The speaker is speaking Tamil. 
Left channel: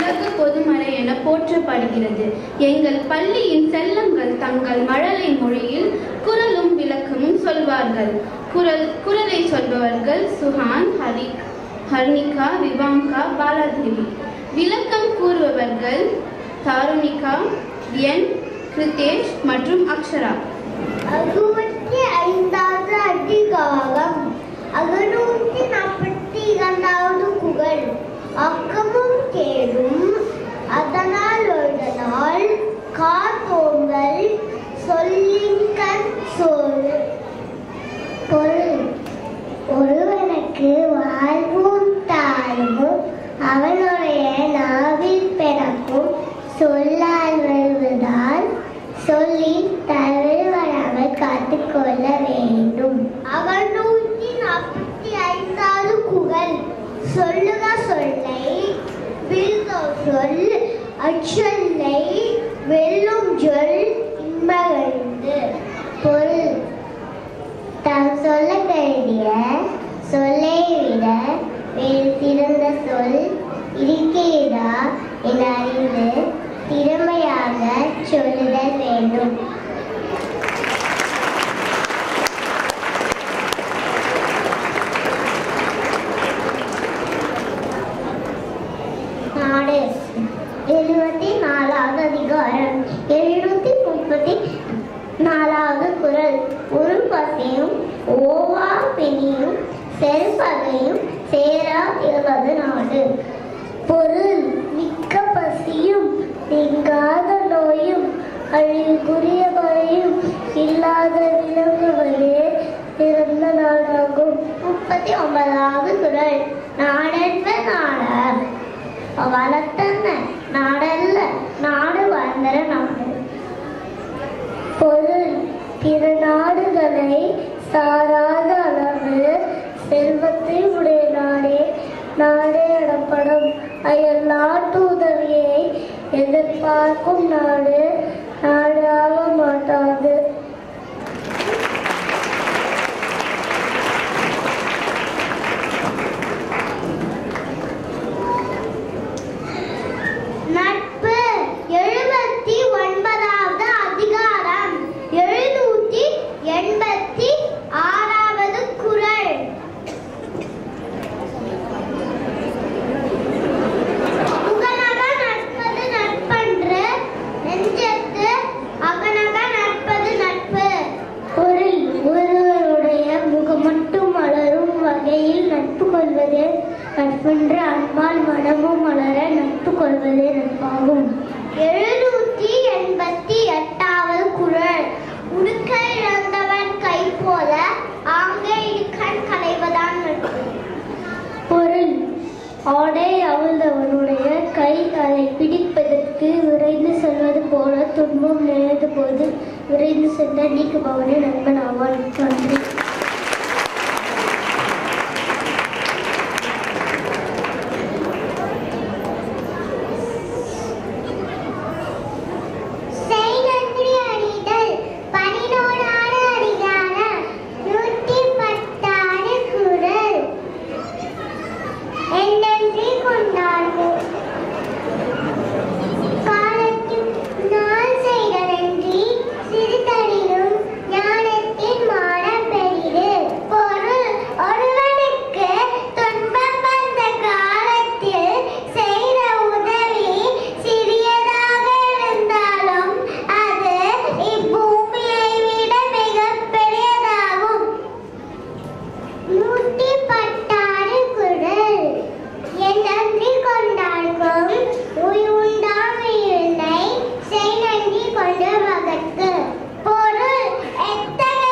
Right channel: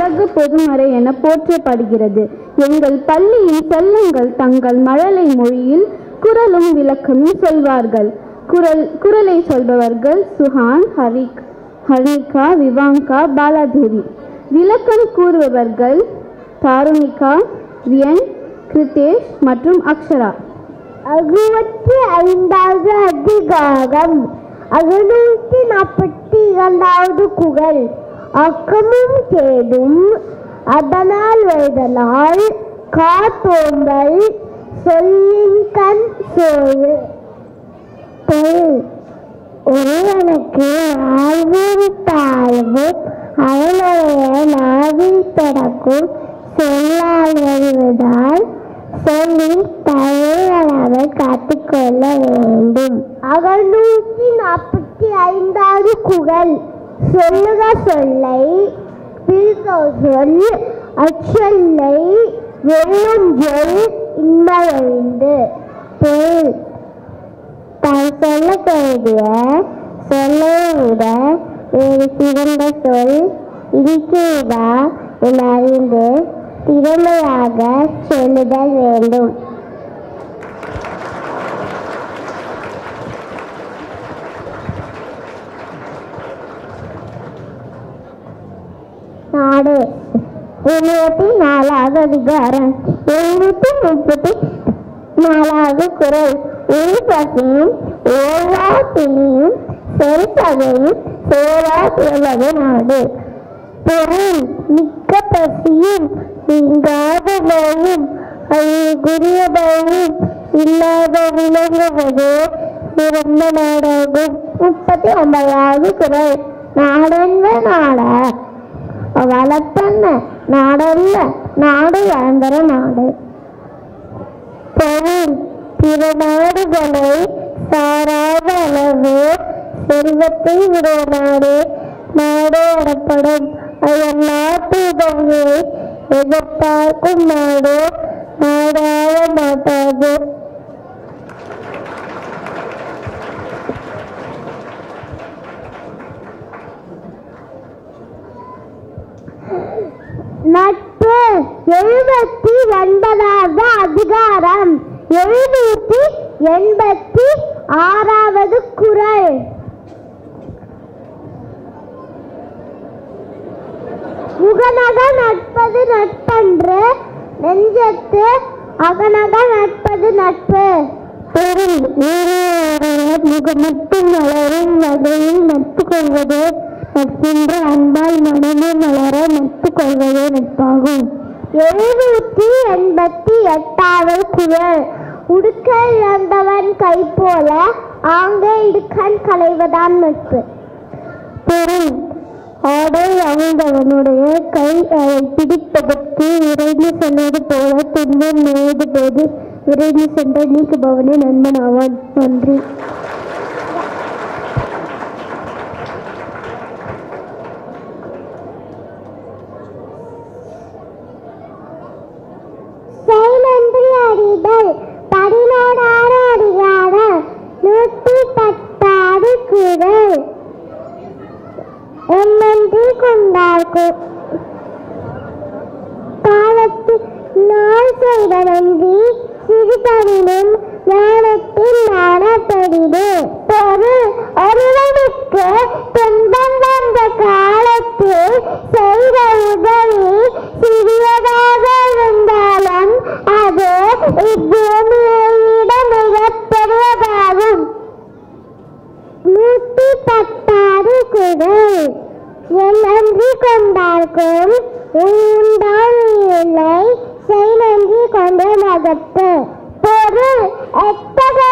உலக பொதுமறை என போற்றப்படுகிறது. எங்கள் பள்ளியின் செல்லங்கள் தங்கள் மழலை மொழியில் குரலும் விளக்கமும் சொல்வார்கள். குரலை சொல்பவர்கள் சுஹான், ஹரிகா, விவாங்கா, பாலாதேவி. விளக்கம் கூறுபவர்கள் தாருணிகா, வியன், கிருதேஷ் மற்றும் அக்ஷரா. 65வது அதிகாரம் 642வது குறள். அக்கமும் கேடும் அதனால் எழுதலால் காத்தோம்பல் சொல்லின்கண் சோறு. பொருள்: ஒருவனுக்கு வாழ்வும் தாழ்வும் அவனுடைய நாவில் பிறக்கும் சொல்லால் வருவதால் சொல்லி தழுவராமல் காத்துக்கொள்ள வேண்டும். 645வது குறள். சொல்லுக சொல்லை சொல் அச்சொல்லை வெல்லும் சொல் இன்பவழிந்து. பொருள்: தான் சொல்ல வேண்டிய சொல்லை விட வேறு சிறந்த சொல் இருக்கிறதா என அறிந்து திறமையாக சொல்லுதல் வேண்டும். நாடு 74வது அதிகாரம் 734வது குறள். ஒரு பசியும் ஓவா பிணியும் செல்பதையும் சேரா பெறுவது நாடு. பொருள்: மிக்க பசியும் நீங்காத நோயும் அதுக்குரிய பயனும் இல்லாத விளங்குவது சிறந்த நாடாகும். 39வது குறள். நாடென்ப நாட வளர்த்தன்ன நாடல்ல நாடு வளர்ந்தர நாடு. பொருள்: பிற நாடுகளை சாராத அளவு செல்வத்தை உடைய நாடே நாடு எனப்படும். அயல்நாட்டு உதவியை எதிர்பார்க்கும் நாடு நாடாக மாட்டாது. நட்பு 79வது அதிகாரம் 786வது குறள். முகநக நட்பது நட்பன்று நெஞ்சத்து அகநக நட்பது நட்பு. பொருள்: முகமட்டு மலரும் வகையில் நட்பு கொள்வது நட்பென்று அன்பால் மனமும் மலர நட்பு கொள்வதே நட்பாகும். 788வது குறள். உடுக்க இழந்தவன் கை போல ஆங்க இடுக்கண் களைவதான் நட்பு. பொருள்: ஆடை அவிழ்ந்தவனுடைய கை அதை பிடிப்பதற்கு விரைந்து செல்வது போல துன்பம் நேர்ந்த போது விரைந்து சென்று நீக்குபவனே நண்பன் ஆவான். நன்றி. நன்றி அறிதல் 11வது அதிகாரம் 110வது குறள். என் நன்றி கொண்டார்க்கும் காலத்தில் நாள் செய்த நன்றி சிறுதலிலும் ஞானத்தின் மான பெரிது. பொருள்: ஒருவனுக்கு துன்பம் வந்த காலத்தில் செய்த உதவி சிறியதாக இருந்தாலும் அது இப்பூமியை விட மிகப்பெரியதாகும். 110வது குறள். என் நன்றி கொண்டார்க்கும் உண்டாமை செய் நன்றி கொண்டு மகத்து. பொருள்: எத்தகைய